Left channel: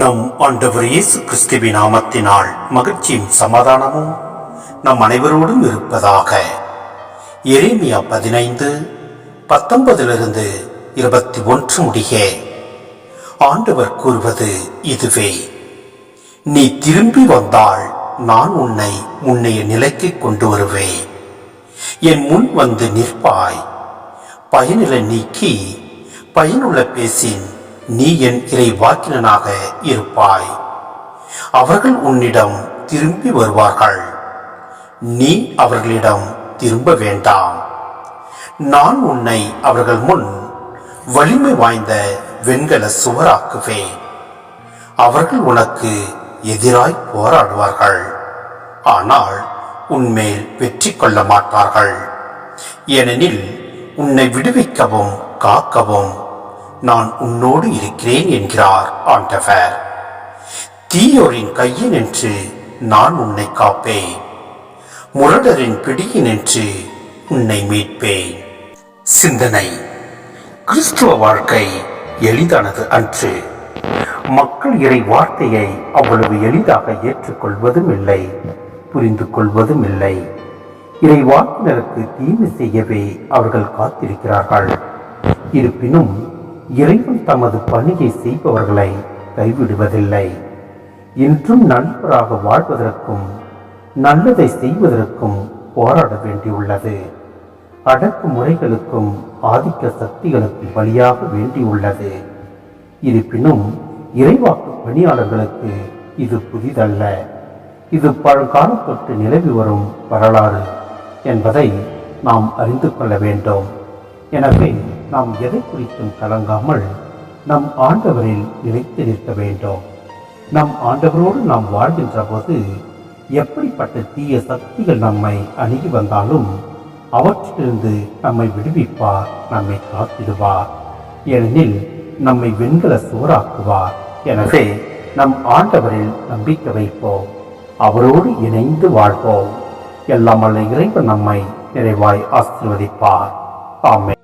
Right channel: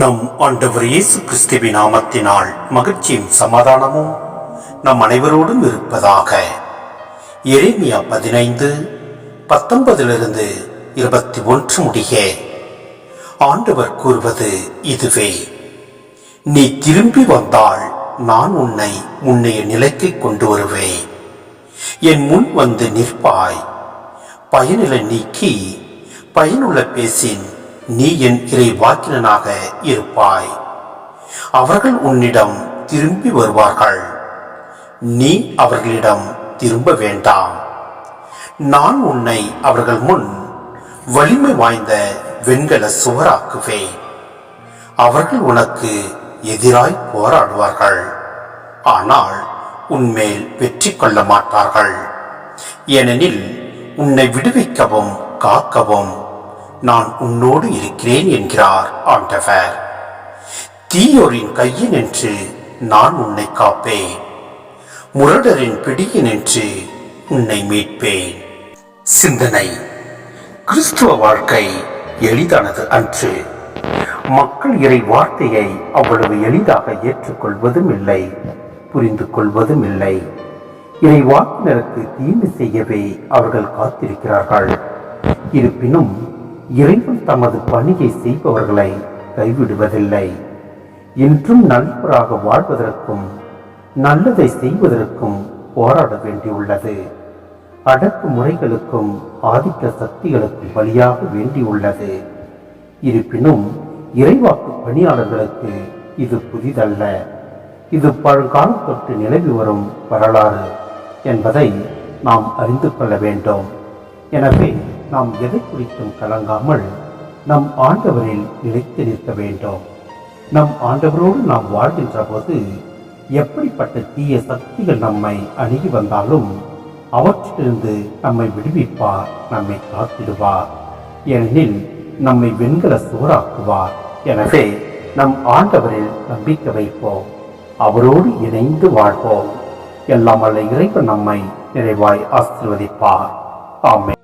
நம் ஆண்டவர் இயேசு கிறிஸ்துவின் நாமத்தினால் மகிழ்ச்சியும் சமாதானமும் நம் அனைவரோடும் இருப்பதாக. எரேமியா 15:19-21 முடிய ஆண்டவர் கூறுவது இதுவே: நீ திரும்பி வந்தால் நான் உன்னை முன்னைய நிலைக்கு கொண்டு வருவேன். என் முன் வந்து நிற்பாய். பயனில நீக்கி பயனுள்ள பேசின் நீ என் இறைவாக்கினனாக இருப்பாய். அவர்கள் உன்னிடம் திரும்பி வருவார்கள், நீ அவர்களிடம் திரும்ப வேண்டாம். நான் உன்னை அவர்கள் முன் வலிமை வாய்ந்த வெண்கல சுவராக்குவேன். அவர்கள் உனக்கு எதிராய் போராடுவார்கள், ஆனால் உன்மேல் வெற்றி கொள்ள மாட்டார்கள். ஏனெனில் உன்னை விடுவிக்கவும் காக்கவும் நான் உன்னோடு இருக்கிறேன் என்கிறார் ஆண்டவர். தீயோரின் கையினின்று நான் உன்னை காப்பேன், முரடரின் பிடியினின்று உன்னை மீட்பேன். சிந்தனை: கிறிஸ்துவ வாழ்க்கை எளிதானது அன்று. மக்கள் இறை வார்த்தையை அவ்வளவு எளிதாக ஏற்றுக்கொள்வதும் இல்லை, புரிந்து கொள்வதும் இல்லை. இறை வாக்கினருக்கு தீமை செய்யவே அவர்கள் காத்திருக்கிறார்கள். இருப்பினும் இறைவன் தமது பணியை செய்பவர்களை கைவிடுவதில்லை. இன்றும் நண்பராக வாழ்வதற்கும் நல்லதை செய்வதற்கும் போராட வேண்டியுள்ளது. அடக்குமுறைகளுக்கும் ஆதிக்க சக்திகளுக்கும் பலியாக வேண்டியுள்ளது. இருப்பினும் இறைவாக்கு பணியாளர்களுக்கு இது புதிதல்ல. இது பழங்காலம் தொட்டு நிலவி வரும் வரலாறு என்பதை நாம் அறிந்து கொள்ள வேண்டும். எனவே நாம் எதை குறித்தும் கலங்காமல் நம் ஆண்டவரில் நிலைத்து நிற்க வேண்டும். நம் ஆண்டவரோடு நாம் வாழ்கின்ற போது எப்படிப்பட்ட தீய சக்திகள் நம்மை அணுகி வந்தாலும் அவற்றிலிருந்து நம்மை விடுவிப்பார், நம்மை காத்திடுவார். ஏனெனில் நம்மை வெண்கல சுவராக்குவார். எனவே நம் ஆண்டவரில் நம்பிக்கை வைப்போம், அவரோடு இணைந்து வாழ்வோம். எல்லாம் வல்ல இறைவன் நம்மை நிறைவாய் ஆசீர்வதிப்பார். ஆமென்.